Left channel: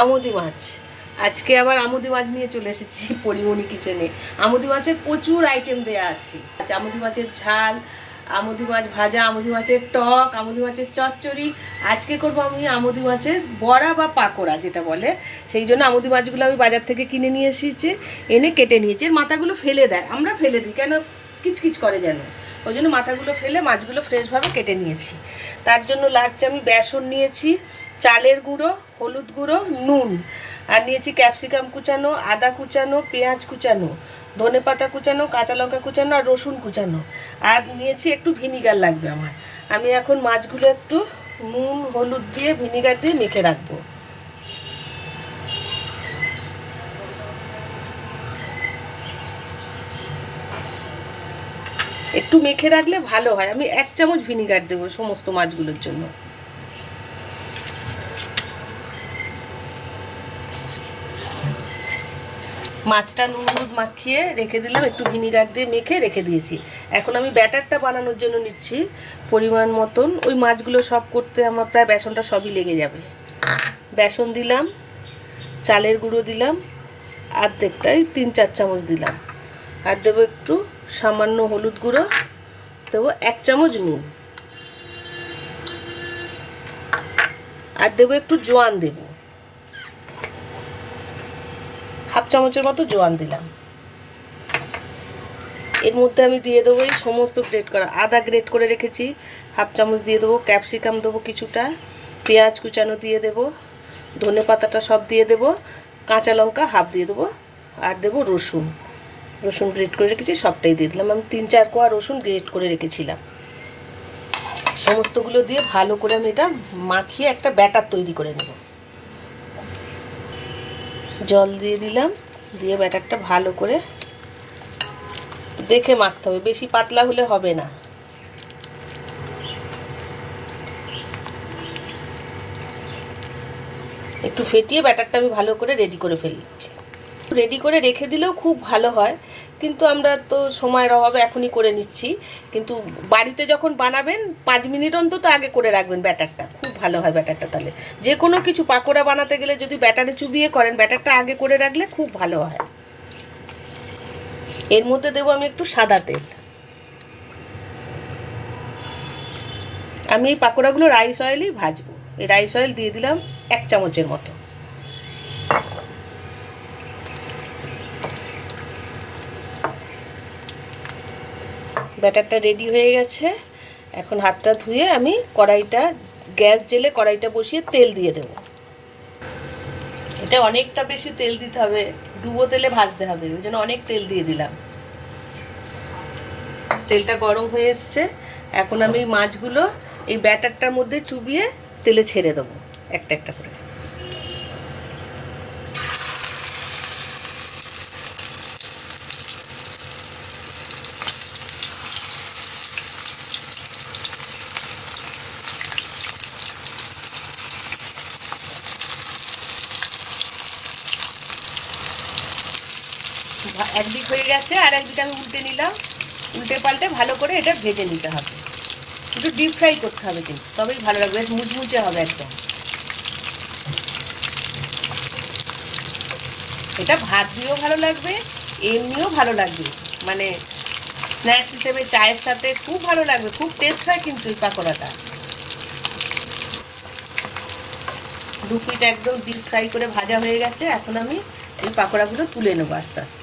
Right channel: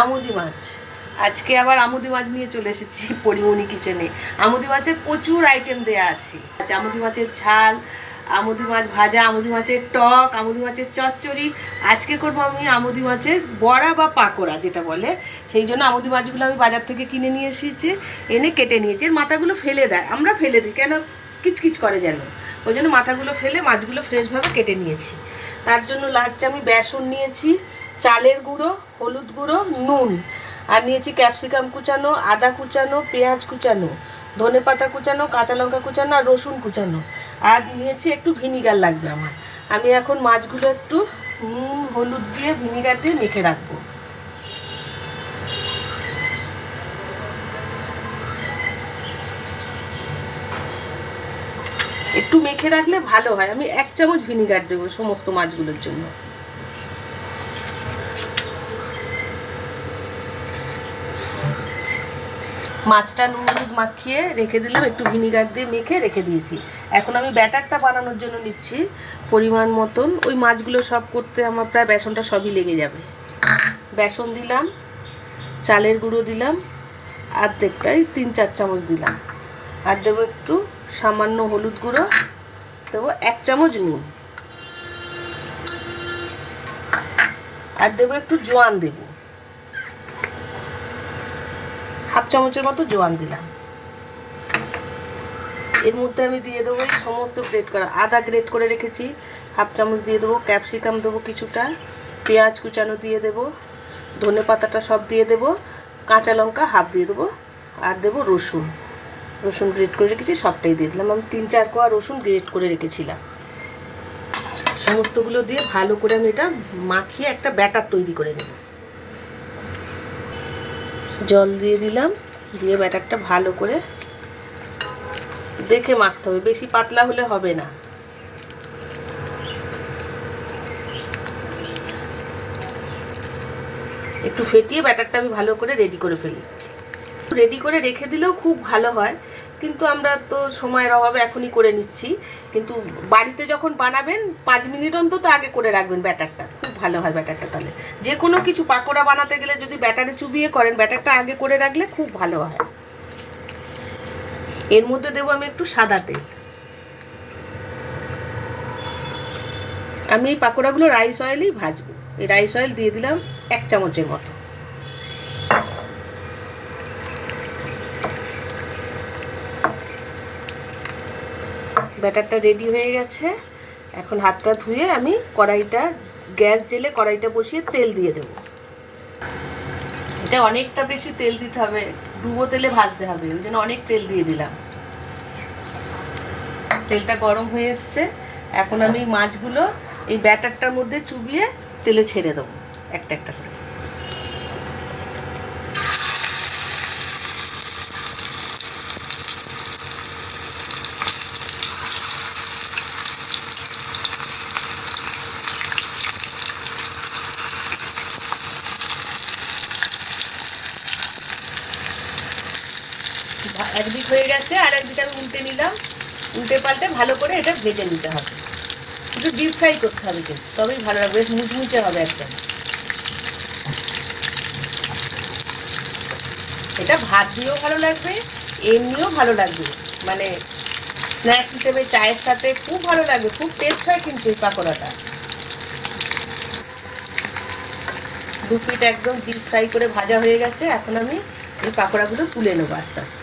আমুদি মাছ। আজকে আবার আমুদি মাছ নিয়ে চলে এসেছি পরিমণি কিচেনে। আমুদি মাছের প্রচুর আইটেম দেয়া আছে। আমুদি মাছের ঝাল, আমুদি মাছ ভাজা, আমুদি মাছের টক, আমুদি মাছের চচ্চড়ি। আজকে করবো আমি আমুদি মাছের বড়া বা পাকোড়া যেটা বলে। সেই জন্য আমুদি মাছগুলো আমি বাজার থেকে কিনে নিয়ে এসেছি, এনে কেটে নিয়েছি। এর মাথাগুলো ফেলে দেয়, আমরা ফেলে দিই কেন, কিচকিচ করে যেন, ওই জন্য মাথাগুলো ফেলে মাছগুলো ফ্রেশভাবে কেটে নিয়েছি। তার জন্য লাগছে আমি বেসন নিয়েছি, চালের গুঁড়ো, হলুদ গুঁড়ো, নুন, আর নিয়েছি ক্যাপসিকাম কুচানো, আদা কুচানো, পেঁয়াজ কুচানো, ধনে পাতা কুচানো, কাঁচা লঙ্কা কুচানো আর রসুন কুচানো, আর নিয়েছি একটু ভিনিগার লাগবে আমার। আমি এখন মাছগুলো একটু নুন হলুদ দিয়ে ভিনিগার দিয়ে মেখে রাখবো। একটু মেখে রাখলে ভালো হয়। আমি 1 চামচ ভিনিগার দেবো সমস্ত মাছগুলোর জন্য। মাছটা নুন হলুদ মাখিয়ে রেখে দিলাম, একটু ভিনিগার দিয়ে মেখে রেখে দিয়েছি। এখন আমি ব্যাটারটা বানানোর জন্য নিচ্ছি পরিমাণ মতন। ওই মাছগুলো সব করতে আমার প্রায় বেসনটা সবই লেগে যাবে। বেসন দিলাম, চালের গুঁড়ো দিলাম অর্ধেকটাই, 3-4 চামচ দিলাম, আর দেবো একটু সামান্য হলুদ গুঁড়ো, দেবো 1 চামচ নুন, আর দেবো একটু জোয়ান, দেবো হাফ চামচের মতো জোয়ান দিলাম। এর মধ্যে আমি দিয়ে দেবো এই সমস্ত গ্রেট করা, আদা গ্রেট করে রেখেছি হাফ চামচ দিয়ে দেবো, ক্যাপসিকাম দেবো কিছুটা, পেঁয়াজ কুচানো দিয়ে দেবো, ধনে পাতাটা সব দিয়ে দেবো, কাঁচা লঙ্কা হাফ দিয়ে দেবো, আর দেবো রসুন, রসুন গ্রেট করে রেখেছি সবটাই দিয়ে দিলাম। আমি 3-4 কোয়া রসুন গ্রেট করে রেখেছিলাম। সমস্তগুলো দিয়ে ভালো করে আমি এটা মাখিয়ে একটা ব্যাটার তৈরি করে নেব। জল দিয়ে দিলাম, দিয়ে ব্যাটারটা ভালো করে দেখে মাখতে হবে, বেশি পাতলা হলে হবে না। একটু ফেটিয়ে ব্যাটারটা আমি ভালো করে রেডি করে ফেলছি। রেডি করে রেখে দিলেও খুব ভালো হয়, কিন্তু আমরা তো সময়ের অভাবে এখনই করে নিচ্ছি। কিন্তু বাড়িতে যখন বানাবেন 5 মিনিট অন্তত আগে করে রাখবেন ব্যাটারটা, খুব ভালো হয় ব্যাটারটা। তাহলে যে কোনো কিছু পাকোড়া বানাতে গেলে যদি ব্যাটারে চুবিয়ে করেন, ব্যাটারটা আগে করে রাখলে খুব ভালো হয়। এর মধ্যে দেবো আমি একটু সাদা তেল। আমি এই পাকোড়াগুলো রাইস অয়েলেই ভাজবো। এই রাইস অয়েল দিয়ে দিলাম 1 চামচের মতো। ব্যাটারটা রেডি হয়ে গেছে। এখন হাতটা ধুয়ে আমি কড়াইটা, গ্যাস জেলে কড়াইটা বসিয়ে তেল দিয়ে দেবো। এটা অনেকটা বেশি তেল দিতে হবে, ডুবো তেলে ভাজতে হবে, ওই জন্য অনেক তেল দিয়ে দিলাম। তেলটা গরম হয়ে এসছে। এখন আমি মাছগুলো এই ব্যাটারটার মধ্যে চুবিয়ে তেলে ছেড়ে দেবো একটা একটা করে। একদিক হয়ে গেছে, আর একদিক আমি উল্টে নিলাম। উল্টে পাল্টে ভালো করে এটা ভেজে নিতে হবে। একটু ডিপ ফ্রাই করতে হবে কিন্তু, তবেই ভালো লাগবে, বেশ মুচমুচে হবে একদম। এটা ভাত দিয়েও ভালো লাগবে, এমনিও ভালো লাগবে, মানে স্ন্যাক্স হিসেবে চায়ের সাথে খুব ভালো লাগবে, খুব টেস্ট হয় কিন্তু এই পাকোড়াটা। 2 পিঠ একদম ডিপ ফ্রাই করে ভাজা হয়ে গেছে। এখন আমি এই পাকোড়াগুলো তুলে নেবো আস্তে আস্তে।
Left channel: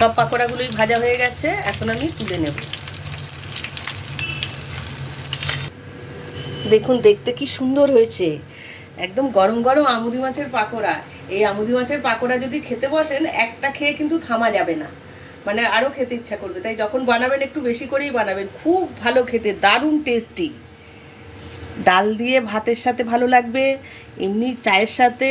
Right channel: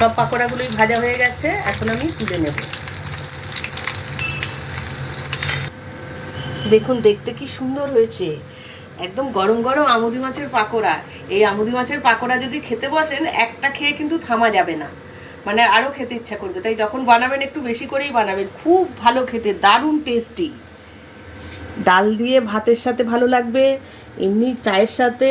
সব পাকোড়াগুলোই ভাজা হয়ে গেছে, এখন আমি তুলে নেব। দেখুন দেখতে কি সুন্দর হয়েছে, একদম গরম গরম আমুদি মাছের পাকোড়া। এই আমুদি মাছের পাকোড়া যদি খেতে বসেন, একটা খেয়ে কিন্তু থামা যাবে না, মানে আরও খেতে ইচ্ছা করবে। তাই যখন বানাবেন একটু বেশি করেই বানাবেন, খুব ভালো খেতে, দারুণ টেস্টি। ডাল দিয়ে ভাতের সাথে ভালো লাগবে, এমনি চায়ের সাথে